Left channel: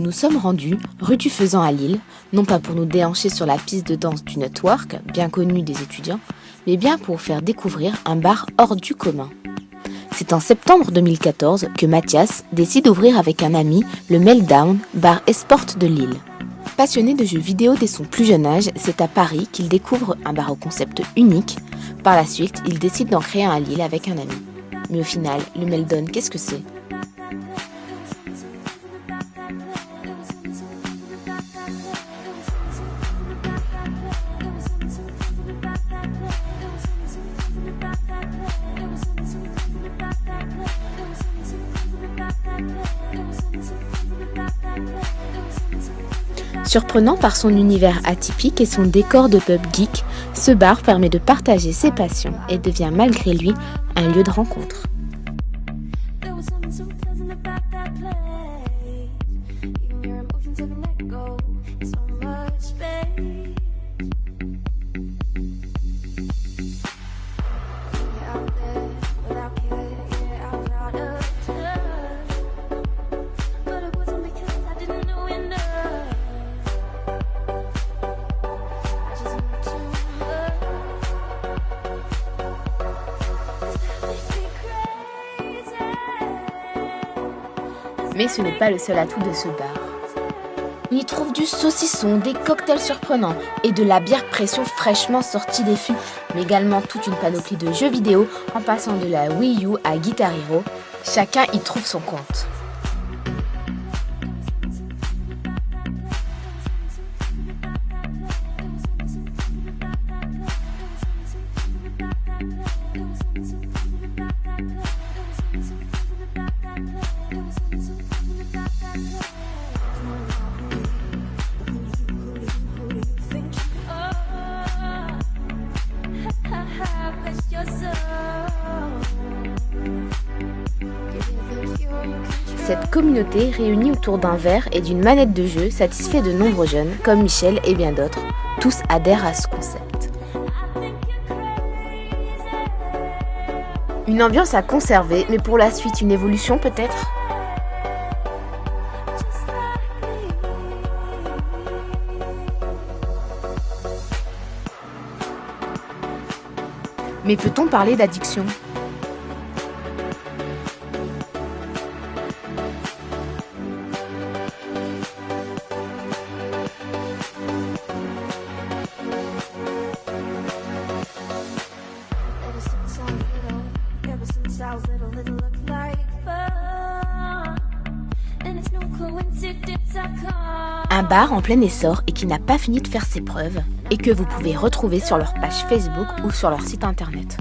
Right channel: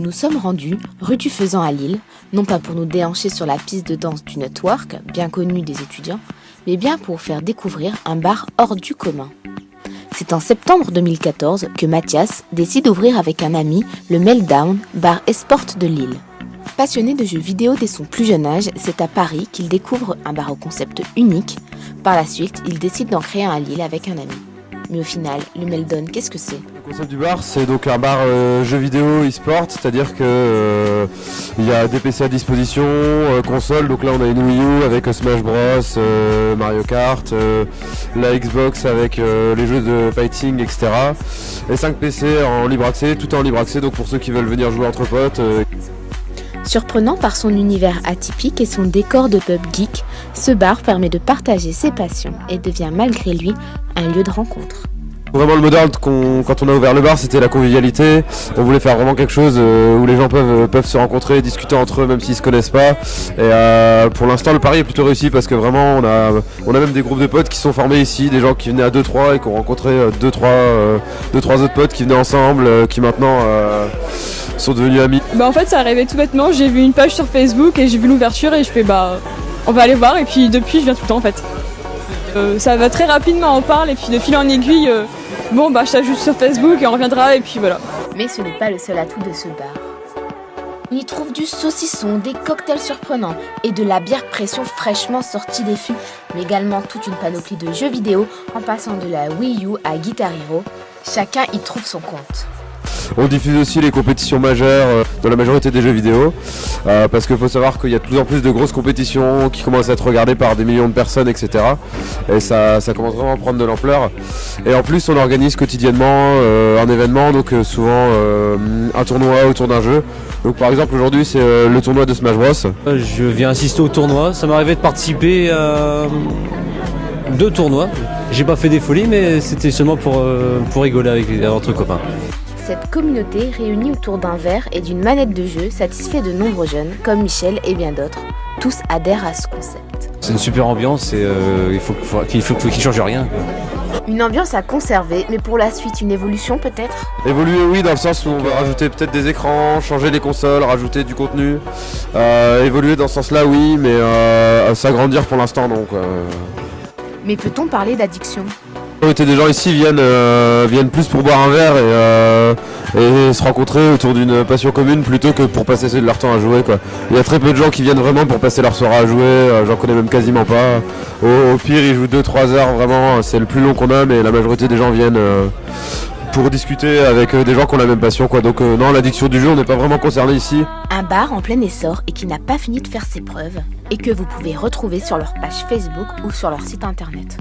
Nous nous sommes rendus rue du Faisan à Lille, non pas pour nous déhancher sur la piste de danse du Network, bien connue des étudiants, mais bien pour faire découvrir un bar hors du commun. C'est en septembre 2014 que Mathias décide d'ouvrir avec un ami le Meltdown, bar esport de Lille. Passionné de jeux vidéo dès son plus jeune âge, c'est à Paris qu'il découvre un bar au concept unique. Par la suite, il décide d'en créer un à Lille avec un ami. Mais au final, le Meltdown, qu'est-ce que c'est ? Le concept du bar, c'est donc un bar jeux vidéo e-sport, c'est-à-dire que il y a des PC à disposition, console, donc là on a une Wii U avec Smash Bros, Mario Kart, la Xbox avec les jeux de fighting, etc. Et 5 PC en libre accès, tout en libre accès, donc pour ceux qui veulent venir jouer entre potes. Surprenant par son univers atypique et son décor de pub geek, ce bar permet de partager ses passions et devient malgré lui un lieu de rencontre. Vraiment le modèle quand on a ouvert le bar, c'était la convivialité. On voulait faire vraiment quelque chose où les gens peuvent se rencontrer, discuter entre eux même s'ils se connaissent pas. Et pour l'instant le pari est plutôt réussi parce que vraiment on a même des groupes de potes qui sont formés ici, des gens qui venaient à 2-3 et qui ont rencontré 2-3 autres potes qui venaient ensemble, qui maintenant sont devenus amis. En fait ça arrivait tout bêtement, j'ai vu une page sur Facebook et j'ai vu l'ouverture et je fais on va aller voir et puis depuis je viens tout le temps en fait. Ça va très rapidement, on parle et puis de fil en aiguille, je t'ajoute sur Facebook et on reviendra et puis voilà. Mais ce n'est pas le seul atout de ce bar. On y trouve du saucisson, des cocktails surprenants et de la bière pression fraîchement sortie des fûts, mais également toute une panoplie de jeux vidéo en passant de la Wii U à Guitar Hero. Chacun y trouve son compte. On diffuse aussi les compétitions majeures dans la majorité des jeux vidéo parce qu'il faut savoir qu'il y a de plus en plus de grosses compétitions qui commencent à être regardées par des millions de personnes, etc. Et ça commence vraiment à prendre de l'ampleur. Et en plus on organise quotidiennement un événement, donc souvent un tournoi autour d'un jeu. Donc par exemple aujourd'hui c'est le tournoi de Smash Bros. Je viens assister au tournoi, ça m'est arrivé de participer à 2 tournois. J'ai pas fait des folies mais c'était seulement pour rigoler entre copains. Cette communauté réunie autour d'un verre et d'une manette de jeu satisfait de nombreux jeunes, comme Michel et bien d'autres. Tous adhèrent à ce concept. C'est une super ambiance et il faut qu'il ne change rien. Une ambiance à conserver, mais pour la suite, une évolution peut-être ? Évoluer oui, dans le sens où on va rajouter peut-être des écrans, changer les consoles, rajouter du contenu. Évoluer dans ce sens-là oui, mais s'agrandir pour l'instant donc. Mais peut-on parler d'addiction ? Des gens ici viennent plus pour boire un verre et se rencontrer autour d'une passion commune plutôt que pour passer leur temps à jouer, quoi. Il y a très peu de gens qui viennent vraiment pour passer leur soirée à jouer, j'en connais même quasiment pas. Au pire ils jouent 2-3 heures vraiment, c'est le plus long qu'on a, mais la majorité des gens viennent pour discuter avec des gens qui ont la même passion, quoi. Donc non, l'addiction du jeu on n'est pas vraiment concerné ici. Un bar en plein essor et qui n'a pas fini de faire ses preuves et que vous pouvez retrouver sur leur page Facebook ou sur leur site internet.